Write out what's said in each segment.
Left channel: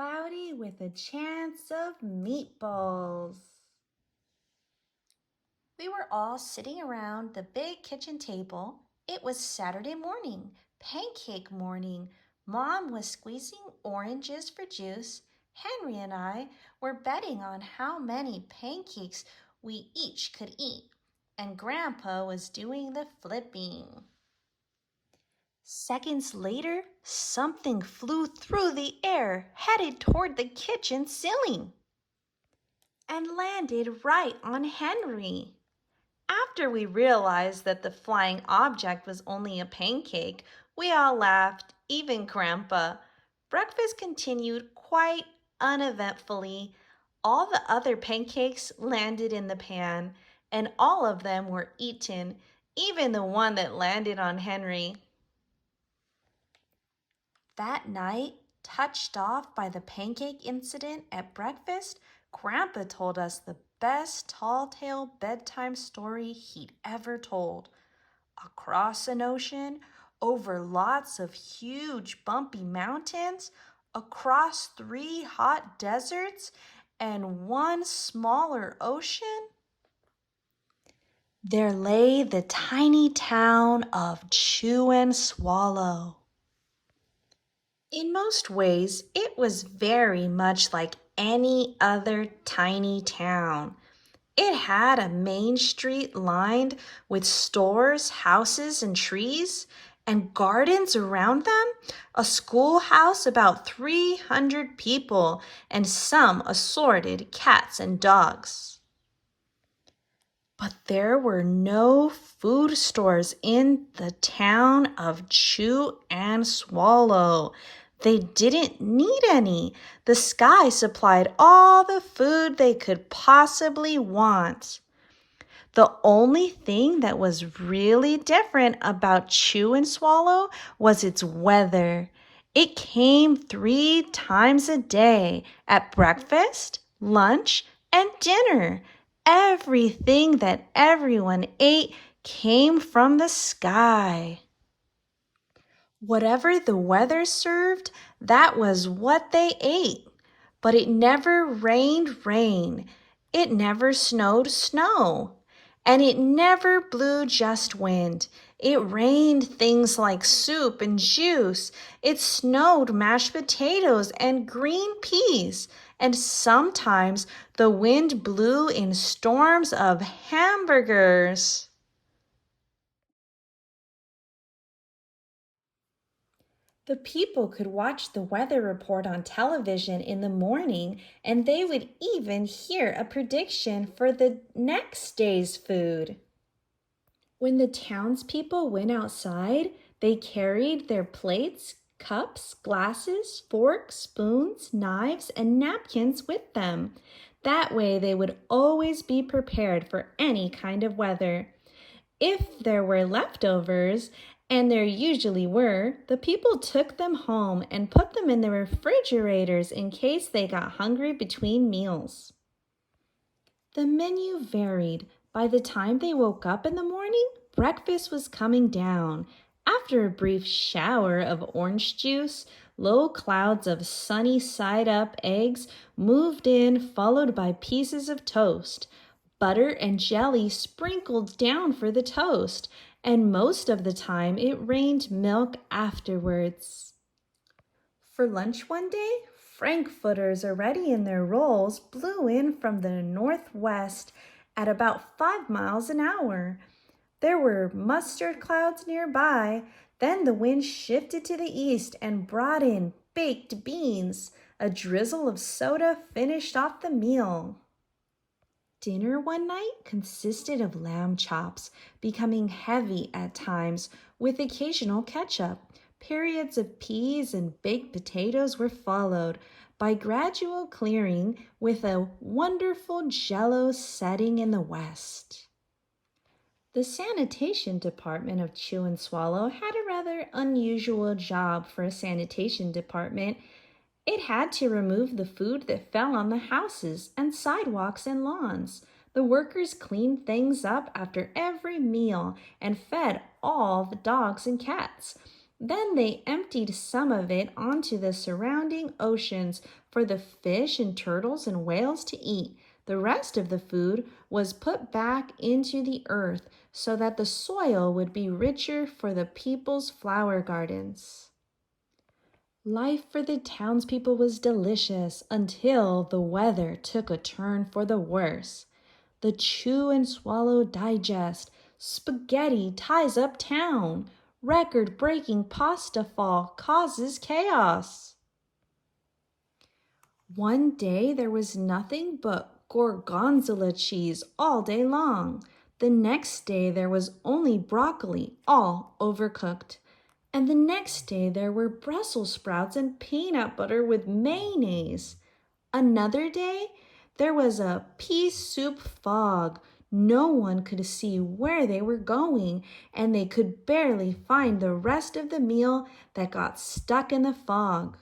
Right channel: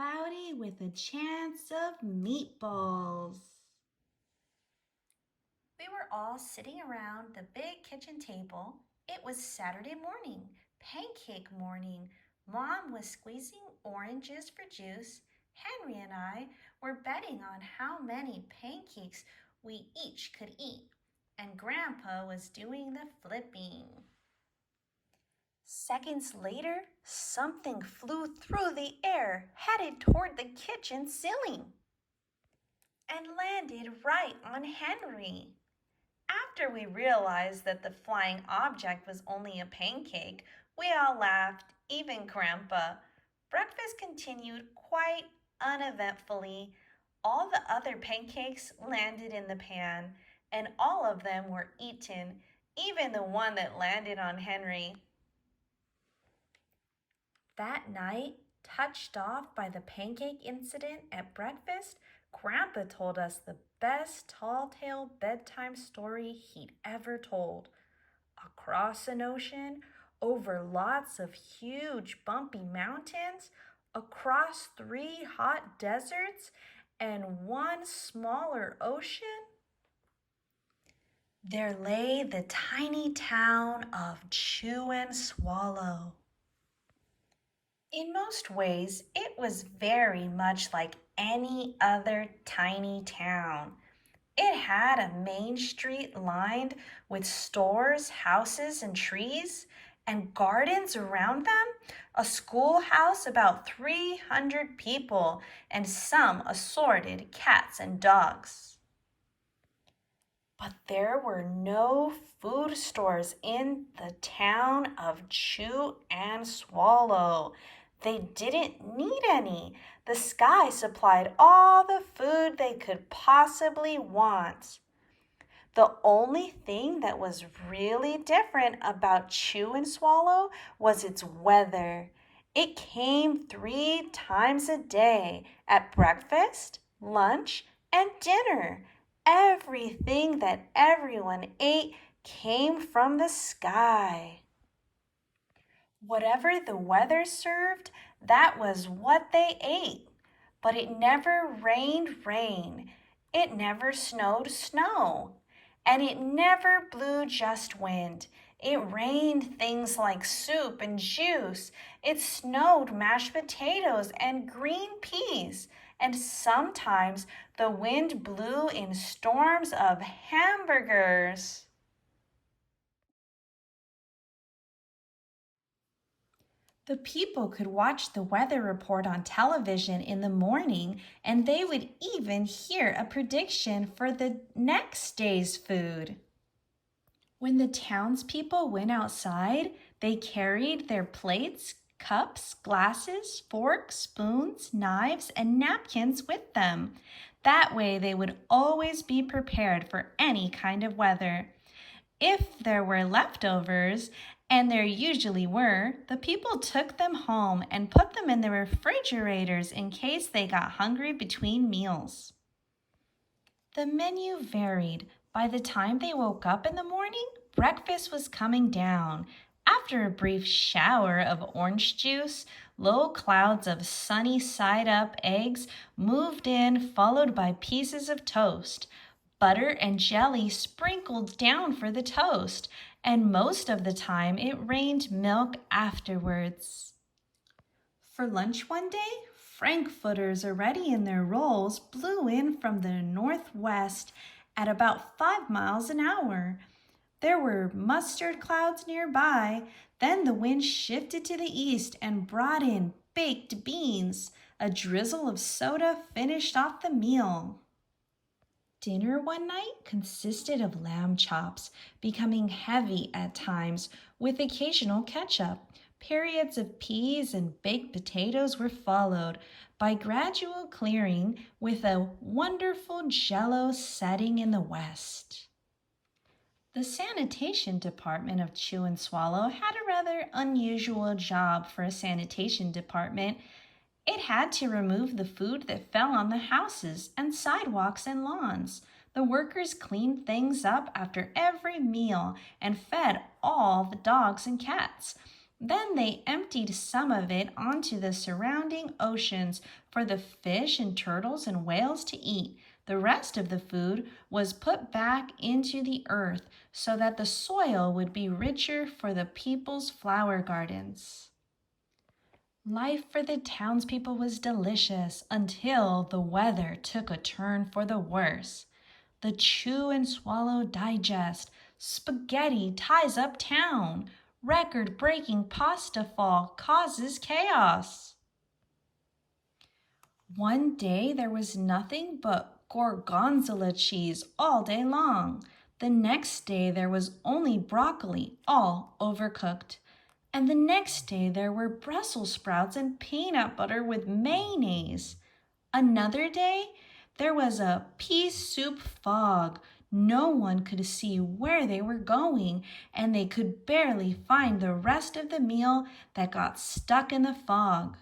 cloudy with a chance of meatballs. We were all sitting around the big kitchen table. It was Saturday morning, pancake morning. Mom was squeezing oranges for juice. Henry and I were betting on how many pancakes we each could eat, and Grandpa was doing the flipping. Seconds later, something flew through the air, headed toward the kitchen ceiling, and landed right on Henry. After we realized that the flying object was only a pancake, we all laughed, even Grandpa. Breakfast continued quite uneventfully. All the other pancakes landed in the pan, and all of them were eaten, even the one that landed on Henry. That night, touched off by the pancake incident at breakfast, Grandpa told us the best tall-tale bedtime story he'd ever told. Across an ocean, over lots of huge bumpy mountains, across 3 hot deserts, and 1 smaller ocean, there lay the tiny town of Chew and Swallow. In most ways, it was very much like any other tiny town. It had a main street lined with stores, houses, and trees, and gardens around them, a schoolhouse about 300 people, and some assorted cats and dogs. But there were no food stores in the town of Chew and Swallow. They didn't need any. The sky supplied all the food they could possibly want. The only thing that was really different about Chew and Swallow was its weather. It came 3 times a day, at breakfast, lunch, and dinner. Everything that everyone ate came from the sky. Whatever the weather served, that was what they ate. But it never rained rain. It never snowed snow. And it never blew just wind. It rained things like soup and juice. It snowed mashed potatoes and green peas. And sometimes the wind blew in storms of hamburgers. The people could watch the weather report on television in the morning, and they would even hear a prediction for the next day's food. When the townspeople went outside, they carried their plates, cups, glasses, forks, spoons, knives, and napkins with them. That way they would always be prepared for any kind of weather. If there were leftovers, and there usually were, the people took them home and put them in the refrigerators in case they got hungry between meals. The menu varied. By the time they woke up in the morning, breakfast was coming down. After a brief shower of orange juice, low clouds of sunny side-up eggs moved in, followed by pieces of toast. Butter and jelly sprinkled down for the toast, and most of the time it rained milk afterwards. For lunch one day, frankfurters already in their rolls blew in from the northwest at about 5 miles an hour. There were mustard clouds nearby. Then the wind shifted to the east and brought in baked beans. A drizzle of soda finished off the meal. Dinner one night consisted of lamb chops, becoming heavy at times with occasional ketchup. Periods of peas and baked potatoes were followed by gradual clearing with a wonderful jello setting in the west. The sanitation department of Chew and Swallow had a rather unusual job for a sanitation department. It had to remove the food that fell on the houses and sidewalks and lawns. The workers cleaned things up after every meal and fed all the dogs and cats. Then they emptied some of it onto the surrounding oceans for the fish and turtles and whales to eat. The rest of the food was put back into the earth so that the soil would be richer for the people's flower gardens. Life for the townspeople was delicious until the weather took a turn for the worse. The chew and swallow digest, spaghetti ties up town, record breaking pasta fall causes chaos. One day there was nothing but gorgonzola cheese all day long. The next day there was only broccoli, all overcooked. And the next day there were Brussels sprouts and peanut butter with mayonnaise. Another day there was a pea soup fog. No one could see where they were going, and they could barely find the rest of the meal that got stuck in the fog.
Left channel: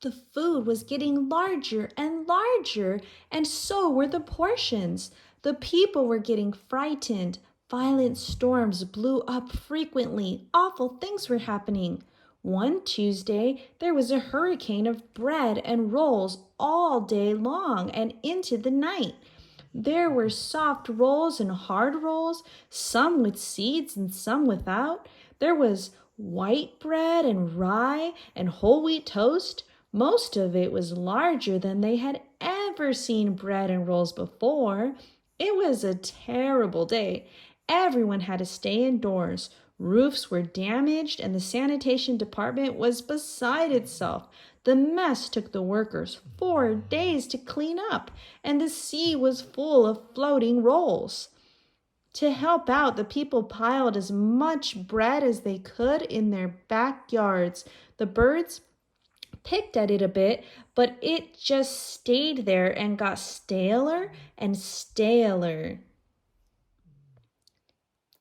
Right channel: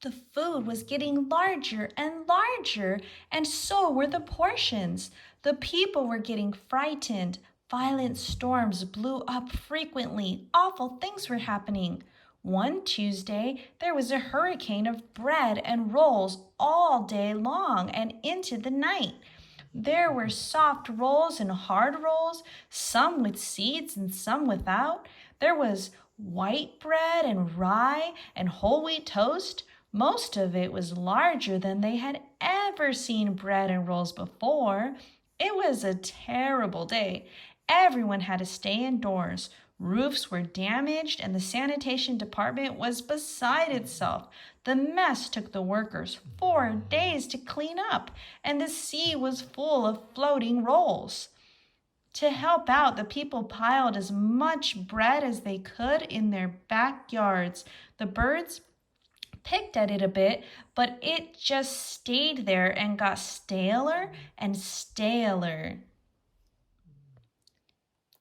The food was getting larger and larger, and so were the portions. The people were getting frightened. Violent storms blew up frequently. Awful things were happening. One Tuesday, there was a hurricane of bread and rolls all day long and into the night. There were soft rolls and hard rolls, some with seeds and some without. There was white bread and rye and whole wheat toast. Most of it was larger than they had ever seen bread and rolls before. It was a terrible day. Everyone had to stay indoors. Roofs were damaged, and the sanitation department was beside itself. The mess took the workers 4 days to clean up, and the sea was full of floating rolls. To help out, the people piled as much bread as they could in their backyards. The birds picked at it a bit, but it just stayed there and got staler and staler.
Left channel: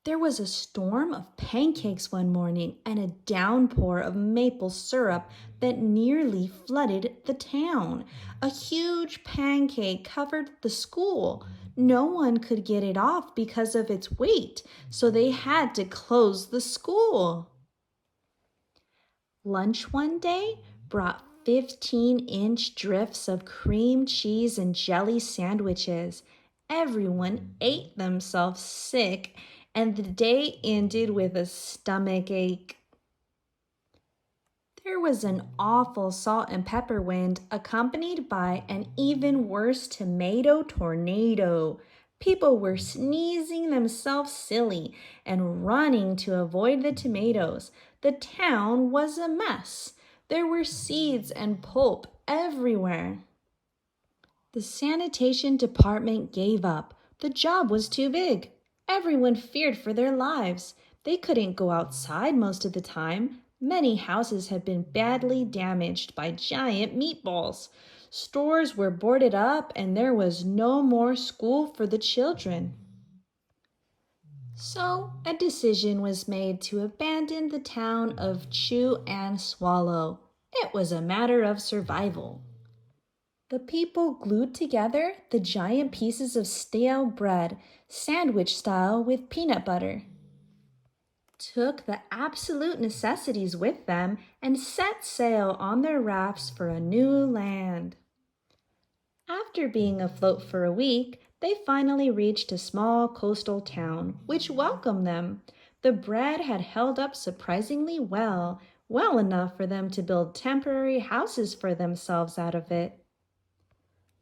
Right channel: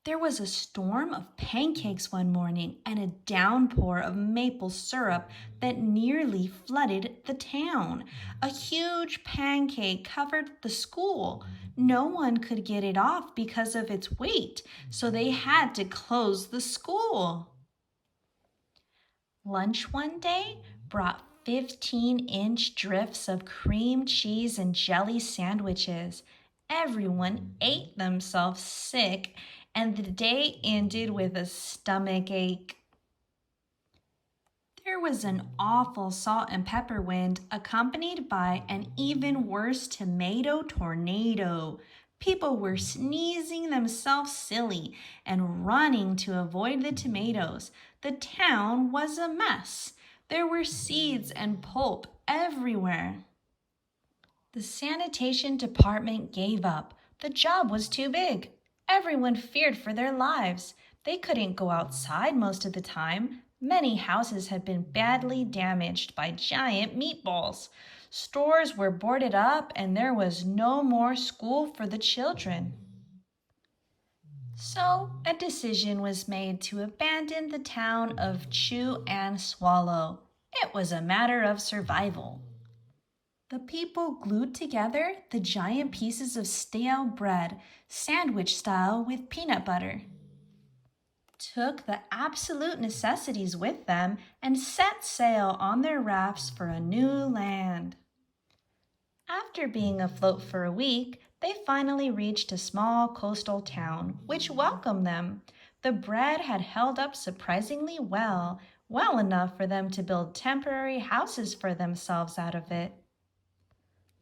There was a storm of pancakes one morning and a downpour of maple syrup that nearly flooded the town. A huge pancake covered the school. No one could get it off because of its weight, so they had to close the school. Lunch one day brought 15-inch drifts of cream cheese and jelly sandwiches. Everyone ate themselves sick, and the day ended with a stomach ache. There was an awful salt and pepper wind accompanied by an even worse tomato tornado. People were sneezing themselves silly and running to avoid the tomatoes. The town was a mess. There were seeds and pulp everywhere. The sanitation department gave up. The job was too big. Everyone feared for their lives. They couldn't go outside most of the time. Many houses had been badly damaged by giant meatballs. Stores were boarded up, and there was no more school for the children. So a decision was made to abandon the town of Chew and Swallow. It was a matter of survival. The people glued together the giant pieces of stale bread, sandwich style with peanut butter, took the absolute necessities with them, and set sail on their rafts for a new land. After being afloat for a week, they finally reached a small coastal town, which welcomed them. The bread had held up surprisingly well, well enough for them to build temporary houses for themselves out of it.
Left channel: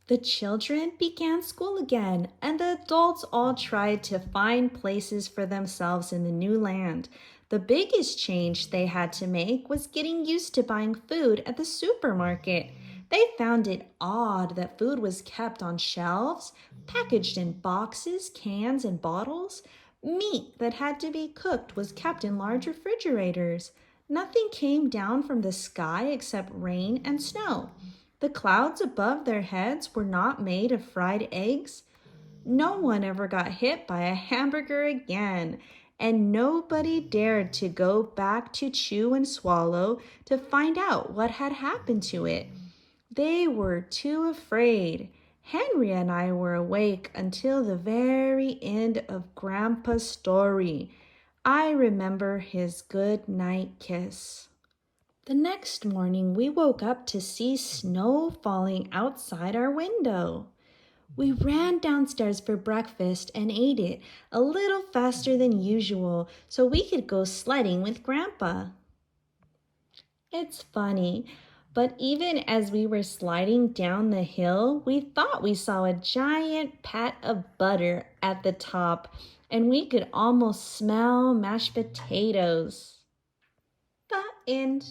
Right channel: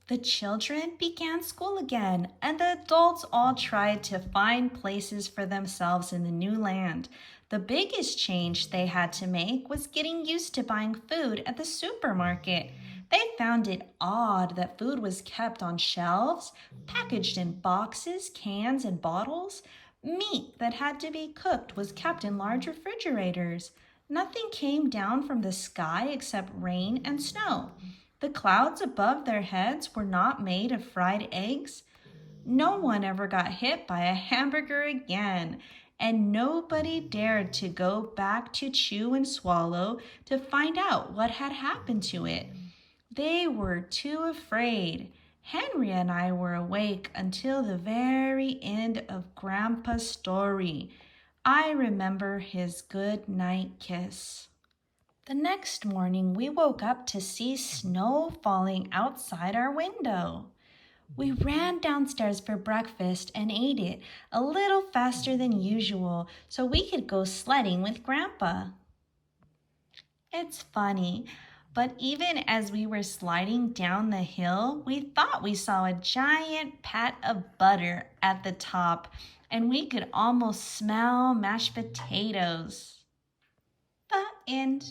The children began school again, and the adults all tried to find places for themselves in the new land. The biggest change they had to make was getting used to buying food at the supermarket. They found it odd that food was kept on shelves, packaged in boxes, cans, and bottles. Meat that had to be cooked was kept in large refrigerators. Nothing came down from the sky except rain and snow. The clouds above their heads were not made of fried eggs. No one ever got hit by a hamburger again, and nobody dared to go back to Chew and Swallow to find out what had happened to it. They were too afraid. Henry and I were awake until the very end of Grandpa's story. I remember his good night kiss. The next morning, we woke up to see snow falling outside our window. We ran downstairs for breakfast and ate it a little faster than usual so we could go sledding with Grandpa. It's funny, but even as we were sliding down the hill, we thought we saw a giant pat of butter at the top, and we could almost smell mashed potatoes. The end.